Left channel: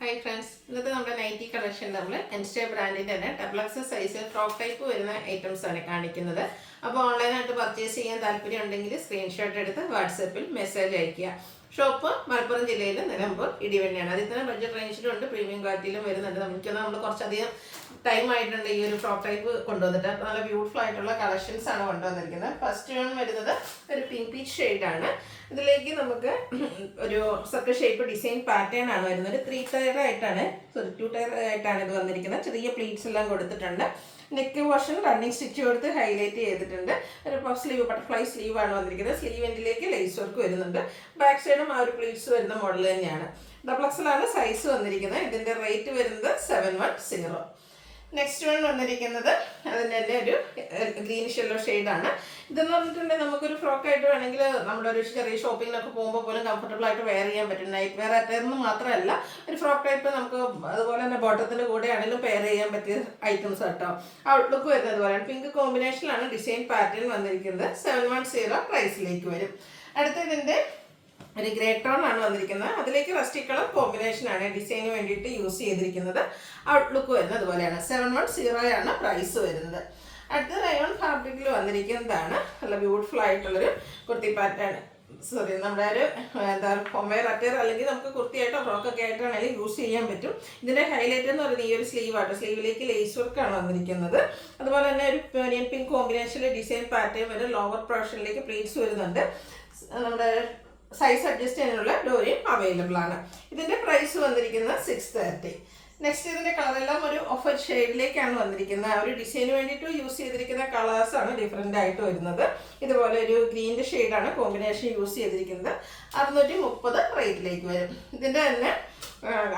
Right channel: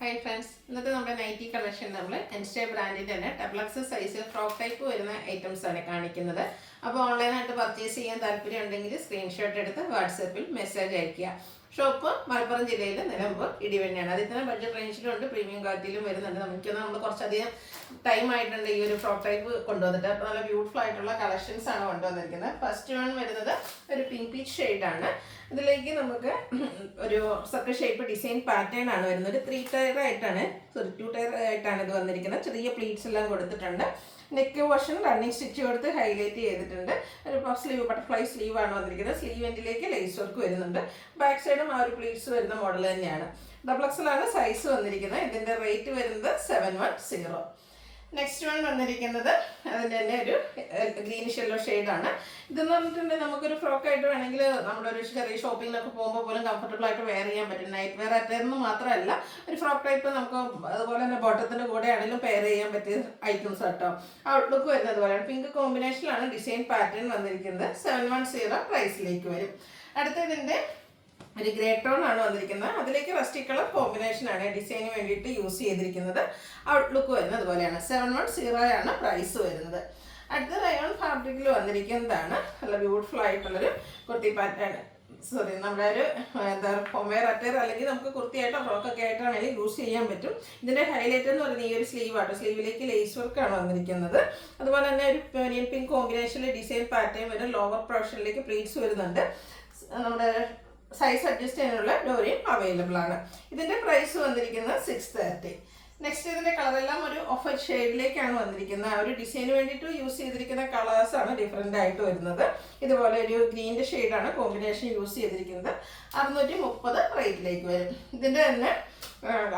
Hi friends, ഇന്നത്തെ നമ്മുടെ nightie collection നമ്മൾ എൻസ്റ്റേ ബ്രാൻഡിൻ്റെ തന്നെ double X size frock type വരുന്ന ഐറ്റംസ് ആണ് കാണിക്കുന്നത്. അപ്പോൾ ഓൺലൈനായിട്ട് പർച്ചേസ് ചെയ്യാൻ താല്പര്യം ഉണ്ടെങ്കിൽ സ്ക്രീൻഷോട്ട് എടുത്ത് വാട്സപ്പിൽ മെസ്സേജ് അയയ്ക്കുക. ഷോപ്പ് മലപ്പുറം ജില്ലയിൽ നിലമ്പൂർ ഇടിവെണ്ണയാണ്. അതിൽ തന്നെ ബഡ്ജറ്റ് റേഞ്ചിലുണ്ട്, പ്രീമിയം ക്വാളിറ്റിയിലും വരുന്നുണ്ട്. നമ്മൾ കുറച്ചധികം ടൈം ആയിട്ടുണ്ട് ഈ ഒരു ഫ്രോക്ക് ടൈപ്പ് കൊണ്ടുവന്നിട്ട്. അപ്പോൾ നല്ല ബ്യൂട്ടിഫുൾ ആയിട്ടുള്ള കളക്ഷൻസ് ആണ് കൊണ്ടുവന്നിരിക്കുന്നത്. ഫസ്റ്റ് വൺ വരുന്നത് ഒരു പിങ്ക് പീച്ച് ഷെയ്ഡാണ്. ഇതിലേക്ക് നമുക്ക് ഒരു സർക്കിൾ ഷേപ്പ് ഡിസൈൻ പാറ്റേൺ ആണ് വരുന്നത്. 2 ടയർ ആയിട്ടാണ് ഇത് വന്നിരിക്കുന്നത്. ചെറിയ പ്ലീറ്റ്സ് എല്ലാം കൊടുത്തിട്ടുണ്ട്. നെക്ക് പോർഷൻ റണ്ണിങ് സ്റ്റിച്ച് കൊടുത്ത് ഹൈലൈറ്റ് ചെയ്തിട്ടുണ്ട്. ഒരു പഫ് സ്ലീവ്, ബട്ടർഫ്ലൈ സ്ലീവ് ആണ് വന്നിരിക്കുന്നത്. സ്ലീവ് എൻഡിലേക്ക് ലേസ് വർക്ക് വരുന്നുണ്ട്. ബാക്ക് സൈഡും ആ ഒരു പ്ലീറ്റ്സ് വരുന്ന മോഡൽ തന്നെയാണ്. ഡബിൾ എക്സലാണ് സൈസ് വന്നിരിക്കുന്നത്. ഇതിൻ്റെ റേറ്റ് വരുന്നത് 710. നെക്സ്റ്റ് വൺ വന്നിരിക്കുന്നത് അതിൻ്റെ തന്നെ ഒരു ഗ്രീനിഷ് യെല്ലോ ഷെയ്ഡാണ്. ഇതെന്ന് പറഞ്ഞിട്ടുണ്ടെങ്കിൽ നമുക്കൊരു ഫ്രോക്കായിട്ട് വേണമെങ്കിൽ നമ്മുടെ ഒരു ചെറിയ ഷോപ്പിങ്ങിലൊക്കെ പോകുമ്പോൾ പോലും കംഫർട്ടബിൾ ആയിട്ട് വെയർ ചെയ്യാൻ പറ്റും. നൈറ്റ് വെയർ ആയിട്ടെന്ന് മാത്രമല്ല, ഒരു ഫ്രോക്ക് ടൈപ്പ് നമുക്ക് അതുപോലെ തന്നെ ബോട്ടത്തിൻ്റെ കൂടെ ആണെങ്കിലും പെയർ ചെയ്യാൻ പറ്റിയ ഐറ്റംസ് കേട്ടോ. ഔട്ട്ലുക്ക് വരുന്നത് പോലെയാണ്. പിങ്ക് കോമ്പിനേഷനിലാണ് ഡിസൈൻ പാറ്റേൺ വന്നിരിക്കുന്നത്. 710 പ്രൈസിലേക്ക് വരും. അടുത്തതിൻ്റെ ഒരു ഗ്രേ ടോൺ ആണ് വന്നിരിക്കുന്നത്. അതിലേക്ക് റസ്റ്റി കളർ കോമ്പിനേഷൻ ആണ് ഡിസൈന് വേണ്ടിയിട്ട് യൂസ് ചെയ്തിരിക്കുന്നത്. ഔട്ട്ലുക്ക് വരുന്നത് അതുപോലെയാണ്. 710 ആണ് പ്രൈസ് വരുന്നത്. അടുത്ത റയോൺ ഫാബ്രിക്കിൽ വന്നിരിക്കുന്നതാണ്. നല്ല ബ്യൂട്ടിഫുൾ ആയിട്ടുള്ളൊരു കുർത്തി പാറ്റേൺ. നമ്മുടെ ഒരു ഹോംവെയർ അറ്റയർ അല്ലെങ്കിൽ നമുക്ക് കുർത്തിയായിട്ടോ ഫ്രോക്കൊക്കെ ആയിട്ടാണെങ്കിൽ യൂസ് ചെയ്യാൻ പറ്റും. ഇതിൻ്റെ ഹൈലൈറ്റ് എന്ന് പറയുന്നത് ഈ ഒരു സ്ലീവാട്ടോ. സ്ലീവിലേക്ക് ലേസ് വർക്കാണ് വന്നിരിക്കുന്നത്. അതുപോലെ തന്നെ ഒരു ഓനിയൻ പിങ്ക് കോമ്പിനേഷനിലെ ഡിസൈൻ പാറ്റേൺ വരും. ലോവർ പോർഷനിലേക്ക് പ്ലീറ്റ്സ് വരുന്നുണ്ട്. നമ്മുടെ സൈസ് അഡ്ജസ്റ്റ് ചെയ്യാനുള്ള ഡോറിയും അവൈലബിൾ ആണ്. ഇതിൻ്റെ പ്രൈസ് വന്നിരിക്കുന്നത് 630. നെക്സ്റ്റ് ഇതിൻ്റെ കളറെല്ലാം ഒരു ഓഫ് ഷെയ്ഡിലേക്കാണ് വന്നിരിക്കുന്നത്. ആ ഒരു ഡിസൈന് വേണ്ടിയിട്ട് യൂസ് ചെയ്തിരിക്കുന്ന കളേഴ്സാണ് ഡിഫറെൻ്റ് ആയിട്ട് വരുന്നത്. ഇതുപോലെ ഒരു ഗ്രീൻ്റെ ഷെയ്ഡാണ് കോമ്പിനേഷൻ യൂസ് ചെയ്തിരിക്കുന്നത്. 630 റേറ്റിലേക്ക് വരും. ഇതിൻ്റെ തന്നെ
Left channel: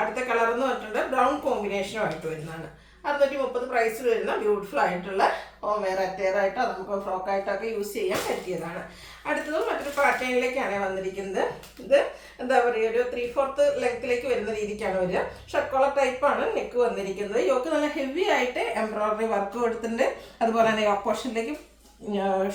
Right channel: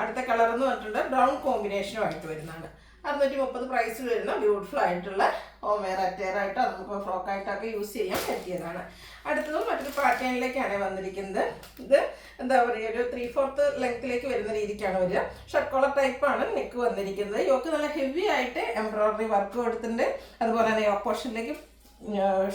അടുത്ത കളർ എന്ന് പറഞ്ഞിട്ടുണ്ട് ബ്രൗൺ കോമ്പിനേഷനുമായിട്ട് വരുന്നതാണ്. 630 പ്രൈസിൽ വരുന്ന ബ്യൂട്ടിഫുൾ ആയിട്ടുള്ള ഹോം വെയർ അറ്റയറായിട്ടോ നമുക്ക് ഫ്രോക്കായിട്ടൊക്കെ യൂസ് ചെയ്യാൻ പറ്റിയതാണ്. അടുത്തതും മറ്റൊരു പാറ്റേണിലേക്കാണ് വന്നിരിക്കുന്നത്. ഇത് എന്താ പറയുക, ഒരു 3/4 ലെങ്ത്തിലേക്ക് വരുന്ന രീതിക്കാണ് വരിക. ഷർട്ട് കോളർ ടൈപ്പാണ് നെക്ക് വന്നിരിക്കുന്നത്. യോക്ക് നല്ല ഹെവി ആയിട്ട് എംബ്രോയിഡറി വർക്ക് കൊടുത്തിട്ടുണ്ട്. അതുപോലെ തന്നെ യോക്ക് പോർഷനിലേക്ക്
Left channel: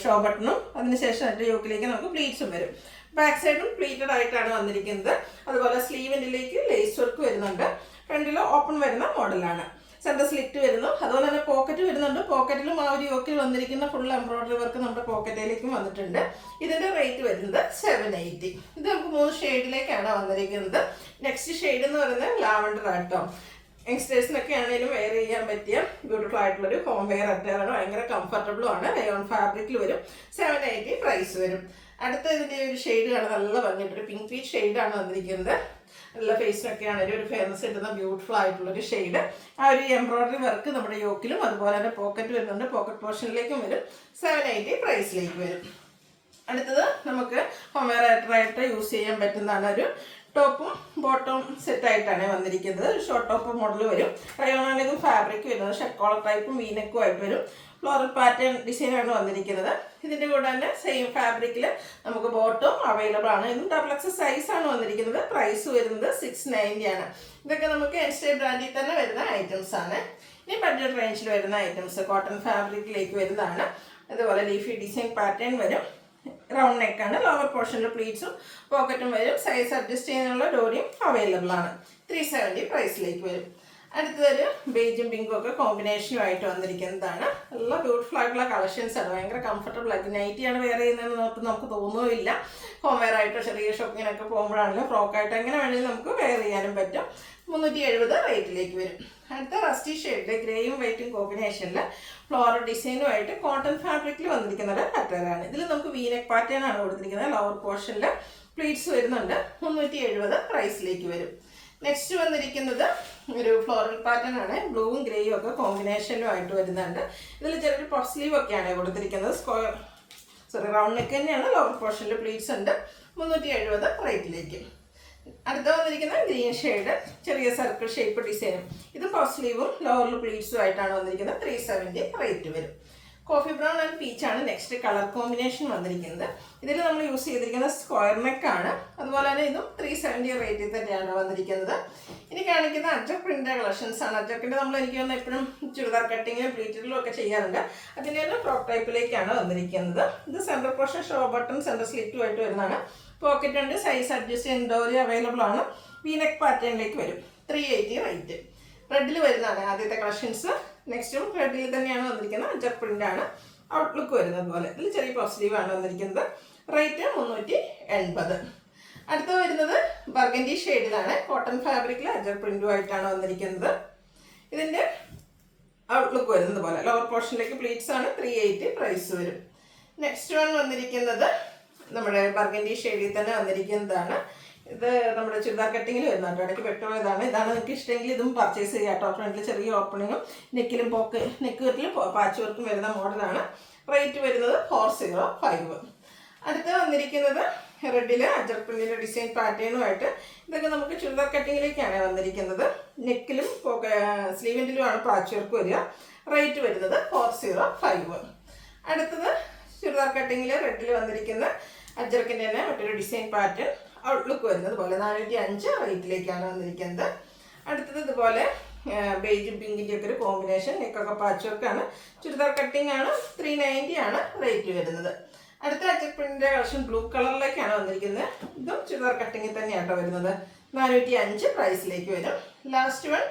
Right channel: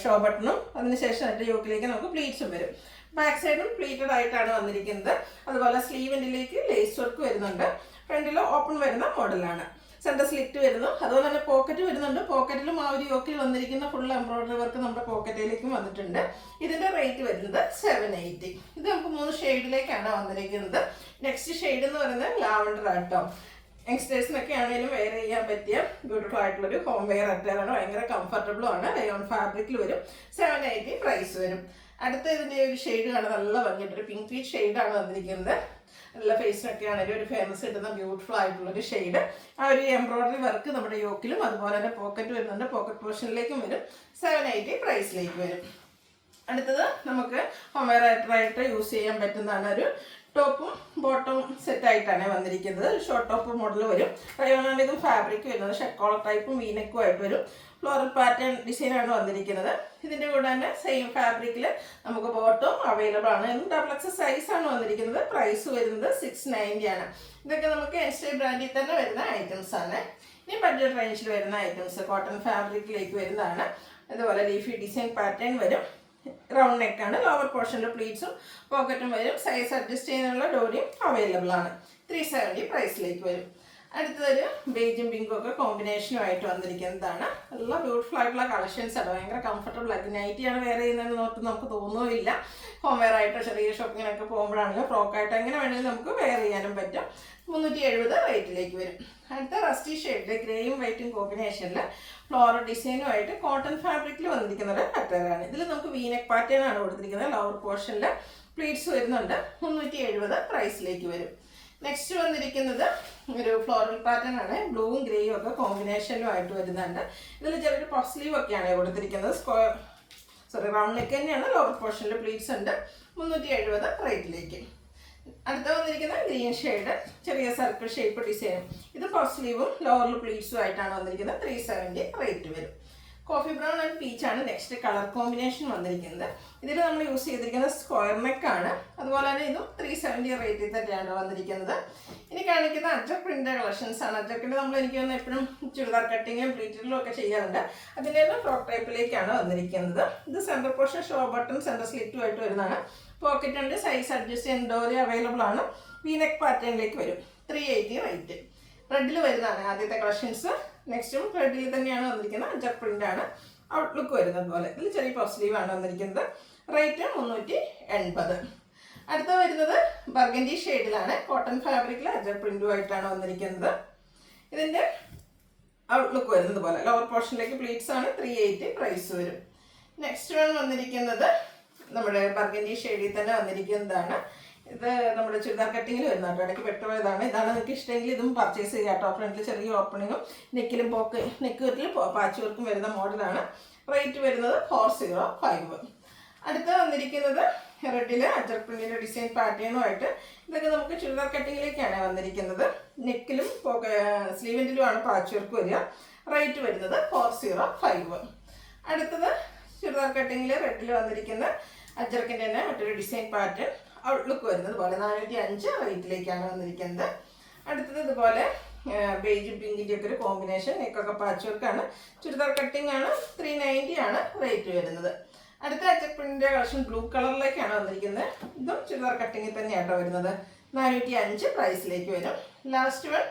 ഷോ ബട്ടണും അതിനുശേഷം അതിൻ്റെ യോക്കിലേക്ക് നമുക്ക് പ്ലീറ്റ്സും വരും. ബാക്ക് സൈഡും പ്ലീറ്റഡ് ആയിട്ടാണ് വന്നിരിക്കുന്നത്. അതുപോലെ സ്ലീവിൻ്റിലേക്ക് ലേസ് വർക്ക് വരുന്നുണ്ട്. ഫ്രണ്ടിൽ ഓപ്പൺ വരുന്ന മോഡലാണ്. സെൻറ്റർ സ്ലിറ്റ് വരുന്നു. അതുപോലെ തന്നെ പോക്കറ്റ് വരുന്നുണ്ട്. പോക്കറ്റിലും ആ ഒരു യോക്കിൽ വന്നിരിക്കുന്ന ഫുൾ എംബ്രോയിഡറി വർക്ക് നമ്മുടെ പോക്കറ്റിലേക്കും വന്നിട്ടുണ്ട്. ഇതിൻ്റെ റേറ്റ് വരുന്നത് 780. ഇത് നമുക്ക് 3 ഷെയ്ഡിലേക്കാണ് വന്നിരിക്കുന്നത്. നെക്സ്റ്റ് ഷെയ്ഡ് എന്ന് പറയുന്നത് ലാവണ്ടർ ആട്ടോ. യങ്സ്റ്റേഴ്സിനൊക്കെ ആണെങ്കിലും വെയർ ചെയ്യാൻ പറ്റിയ ബ്യൂട്ടിഫുൾ ആയിട്ടുള്ളൊരു ഹോം വെയർ അറ്റയറാണ്. ഭയങ്കര കംഫർട്ടബിളും ആണ്. റയോൺ ഫാബ്രിക്കിൽ വരും. 780 പ്രൈസ് വരും. അടുത്ത ഇതിൻ്റെ ഒരു ഷെയ്ഡ് ആണ് നല്ല ഭംഗിയായിട്ടൊരു പിങ്ക് പീച്ച് ഷെയ്ഡാണ് വന്നിരിക്കുന്നത്. നല്ല ഫേസിനൊക്കെ ആണെങ്കിലും ഒരു ഫേമസ് കിട്ടുന്ന ബ്യൂട്ടിഫുൾ ആയിട്ടുള്ളൊരു ഷെയ്ഡ്. ആ ഒരു എംബ്രോയിഡറി വർക്ക് നമ്മുടെ യോക്കിലും അതുപോലെ തന്നെ പോക്കറ്റ് വരുന്നുണ്ട്. പോക്കറ്റ് പോർഷനിലേക്കും വരും. 780 പ്രൈസിലേക്ക് വരും. അടുത്തത് നമുക്ക് ഹോംവെയർ ആയിട്ട് യൂസ് ചെയ്യാൻ പറ്റുന്നതാണ്. ഒരു ടോപ്പും ബോട്ടവും സെറ്റായിട്ടാണ് വന്നിരിക്കുന്നത്. ഷോർട്ട് ടോപ്പ് മോഡൽ വരും. റയോണാണ് ഇത് ഫാബ്രിക് വരുന്നത്. ഷർട്ട് കോളർ ടൈപ്പും വീനെക്കും ആയിട്ട് വരും. ഫ്ലോറൽ പാറ്റേൺ ഡിസൈനാണ് വന്നിരിക്കുന്നത്. ഇതിൻ്റെ കൂടെ തന്നെ സെയിം ഫാബ്രിക്കിൽ നമുക്ക് ബോട്ടവും അവൈലബിൾ ആണ്. ഇതും ഡബിൾ എക്സ് സൈസാണ് വന്നിരിക്കുന്നത്. പ്രൈസ് വരുന്നത് 690 ആണ്. ഇതൊക്കെ നമുക്ക് എൻസ്റ്റേ ബ്രാൻഡിൽ തന്നെ വരുന്ന ഐറ്റംസ് ആണ്. ഇനി ബഡ്ജറ്റ് റേഞ്ചിൽ വരുന്ന ഐറ്റംസ് കോട്ടൺ ഫാബ്രിക്കിലേക്ക് വരുന്നതാണ്. അതുപോലെ ലീഫി ഡിസൈൻ പാറ്റേൺ വരും. റൗണ്ട് നെക്കാണ്. ലോവർ പോർഷനിൽ പ്ലീറ്റ്സും പോക്കറ്റും വരും. സൈസ് അഡ്ജസ്റ്റ് ചെയ്യാനുള്ള ഡോറിയും അവൈലബിൾ ആണ്. 370 പ്രൈസിലേക്ക് വരും. അടുത്തതൊരു ബേജും പിങ്കും ഒക്കെ കോമ്പിനേഷനുമായിട്ട് വന്നിരിക്കുന്നതാണ്. നല്ല ബ്യൂട്ടിഫുൾ ആയിട്ടുള്ള കളക്ഷൻസ് ആണ്. ഭയങ്കര കംഫർട്ടബിൾ ആയിട്ട് നൈറ്റിയാണ് വെയർ ചെയ്യുന്നതെന്ന് നമുക്ക് തോന്നുകയില്ല. ഹോം വെയർ ആയിട്ടോ ചെറിയ ഷോപ്പിങ്ങിനൊക്കെ പോകുമ്പോഴാണെങ്കിലും ഫ്രോക്കായിട്ട് എങ്ങനെ വേണമെങ്കിലും നമുക്ക് വെയർ ചെയ്യാനും പറ്റും. 370 റേറ്റിലേക്ക് വരും. അടുത്ത റസ്റ്റി ഷെയ്ഡ് ഗ്രേയും വൈറ്റും കോമ്പിനേഷനിൽ ഫ്ലോറൽ ഡിസൈനുമായിട്ട് കോട്ടൺ ഫാബ്രിക്കിൽ വന്നിരിക്കുന്നത് അറ്റയറാണ്. ഇതിൽ നമുക്ക് വീനെക്ക് പാറ്റേൺ ആണ് കൊടുത്തിരിക്കുന്നത്. ലോവർ പോർഷനിൽ പ്ലീറ്റ്സ് വരുന്നുണ്ട്. 370 പ്രൈസിലേക്ക് വരും. നെക്സ്റ്റ് വന്നിരിക്കുന്നത് ഒരു ഫ്ലോറൽ പാറ്റേൺ ആണ്. ബ്ലൂവും ഗ്രേയും ഒക്കെ കോമ്പിനേഷനിലുമായിട്ട് വരുന്നുണ്ട്. ഇതിൽ ചെറിയൊരു പഫ് സ്ലീവ് ഒക്കെയാണ് കൊടുത്തിരിക്കുന്നത്. റൗണ്ട് നെക്ക് തന്നെയാണ്. ലോവർ പോർഷനിൽ പ്ലീറ്റ്സ് ഉണ്ട്. 370 റേറ്റിലേക്ക്. അടുത്ത വന്നിരിക്കുന്നത് ഗ്രീൻ ഷെയ്ഡ് ചെറിയ സർക്കിൾ ഷേപ്പ് ഡിസൈനും. ഇത് പഫ് സ്ലീവും ലോവറിൽ പ്ലീറ്റ്സും ആയിട്ടാണ് വന്നിരിക്കുന്നത്. 370 റേറ്റ് വരും. കോഫി ബ്രൗൺ ആൻഡ് പീച്ചാണ് നെക്സ്റ്റ് കളർ കോമ്പിനേഷൻ വന്നിരിക്കുന്നത്. ഇതിൽ നമ്മൾ യൂസ് ചെയ്തിരിക്കുന്നത് സ്ക്വയർ നെക്കാണ്. അതുപോലെ തന്നെ ഇതും 370 റേറ്റിൽ തന്നെയാണ് വന്നിരിക്കുന്നത്. ഇനി കാണിക്കുന്ന അജക് പ്രിൻ്റ് കളക്ഷൻസ് ആണ്. അജക്കിൻ്റെ നമ്മൾ എനിക്ക് തോന്നുന്നു എപ്പോഴും ചുരിദാർ കട്ടിങ്ങും പ്ലീറ്റിലും ഒക്കെ ചെയ്യാറുണ്ട്. അതിൻ്റെ തന്നെ ഫ്രോക്ക് ടൈപ്പിലേക്കാണ് വന്നിരിക്കുന്നത്. ഇത് centre portion show button centre സ്ലിറ്റുമായിട്ട് വരുന്നതാണ്. പോക്കറ്റ് ഉണ്ട്. സൈസ് അഡ്ജസ്റ്റ് ചെയ്യാൻ ഡോറി അവൈലബിൾ ആണ്. വീനെക്ക് പാറ്റേണിലേക്ക് വരും. 380 റേറ്റ്. റെഡിൽ വരുന്നതാണ് ആദ്യത്തെ കളക്ഷൻസ്. നെക്സ്റ്റും റെഡിൽ തന്നെയാണ് വന്നിരിക്കുന്നത്. അജർ പ്രിന്റ് ആണ് ഔട്ട്ലുക്ക് വരുന്നത് പോലെ. ഇതിൽ ചെറിയ പോസിറ്റീവ് ആണ് വന്നിരിക്കുന്നത്. റേറ്റ് 380. അടുത്ത വരുന്നത് ബർഗൻഡി ഷെയ്ഡിലാണ്. കോട്ടൺ ഫാബ്രിക്കിൽ അജർ പ്രിന്റുമായിട്ടാണ് വന്നിരിക്കുന്നത്. ഇതിൻ്റെ ഔട്ട്ലുക്ക് വരുന്നത് പോലെ. ലോവർ പോർഷനിലേക്ക് പ്ലീറ്റ്സ് ആണ്. 380 പ്രൈസ് വരും. നെക്സ്റ്റ് വൺ വന്നിരിക്കുന്നത് നമ്മുടെ ബർഗൻഡി ഷെയ്ഡിൽ തന്നെ വന്നിരിക്കുന്നതാണ്. ഇത് നമ്മുടെ ചുരിദാർ കട്ടിങ്ങിൽ വരുന്ന കേട്ടോ. ഇടയ്ക്ക് പെട്ടുപോയതാണ്. ഇതാണ് നിങ്ങൾക്ക് ഇഷ്ടമെങ്കിൽ ഇതും പർച്ചേസ് ചെയ്യാം കേട്ടോ. ഫ്രണ്ടിൽ ചെറിയ ഓപ്പണിങ്ങും നെക്കിലും നെക്കിലും പാച്ച് വർക്കും വരുന്ന മോഡലാണ്. റേറ്റ് വരുന്നത് 405. അടുത്ത വന്നിരിക്കുന്നത് റെഡിൽ അജർ പ്രിന്റിൻ്റെ ഡിസൈൻ പാറ്റേണുമായിട്ട്. ഇതൊക്കെ നമുക്ക് ചുരിദാർ കട്ടിങ്ങിലേക്കാണ് വന്നിരിക്കുന്നത്. നെക്കിലും സ്ലീവിൻ്റിലുമാണ് പാച്ച് വർക്ക് വരിക. റേറ്റ് വരുന്നത് 405. അടുത്തത് ചുരിദാർ കട്ടിങ്ങിൽ റെഡിൽ വന്നിരിക്കുന്ന അജർക്കിൻ്റെ തന്നെ മറ്റൊരു ഡിസൈൻ പാറ്റേൺ ഔട്ട്ലുക്ക് വരുന്നത് പോലെ 405 റേറ്റിലേക്കാണ് വന്നിരിക്കുന്നത്. അടുത്തത് ഇതുപോലെ ബേജും പിങ്കിൻ്റെ ഒക്കെ ഒരു കോമ്പിനേഷൻ. നെക്കൊക്കെ പാച്ച് വർക്കാണ്. ചുരിദാർ കട്ടിംഗ് ആണ്. 390 ആണ് റേറ്റ് വരുന്നത്. അടുത്ത അജർ പ്രിന്റിൻ്റെ കളക്ഷൻ ബ്ലൂ കളറിലേക്കാണ് വന്നിരിക്കുന്നത്. ഇതും ചുരിദാർ കട്ടിങ്ങിൽ തന്നെയാണ് വരുന്നത്. 405 പ്രൈസിലേക്ക് വരും. ലാസ്റ്റ് വൺ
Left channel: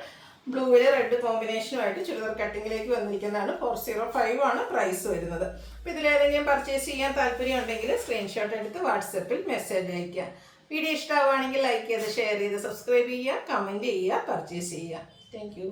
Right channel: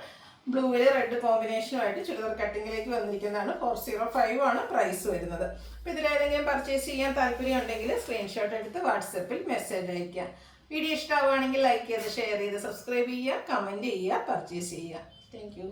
ബ്ലൂവിൽ റെഡ് കോമ്പിനേഷനുമായിട്ട് ചുരിദാർ കട്ടിങ്ങിലേക്ക് വന്നിരിക്കുന്നതാണ്. 405 ആണ് പ്രൈസ് വരുന്നത്. അപ്പോൾ ഇതിലേതെങ്കിലും പർച്ചേസ് ചെയ്യാൻ താല്പര്യം ഉണ്ടെങ്കിൽ സ്ക്രീൻഷോട്ട് എടുത്ത് വാട്സപ്പിൽ മെസ്സേജ് അയയ്ക്കുക. വീഡിയോ ഇഷ്ടമാവുകയാണെങ്കിൽ ലൈക്ക് ചെയ്ത് ഷെയർ ചെയ്ത് സബ്സ്ക്രൈബ് ചെയ്യുക, കമൻറ്റ് ചെയ്യുക, പർച്ചേസ് ചെയ്യുക. Thank you.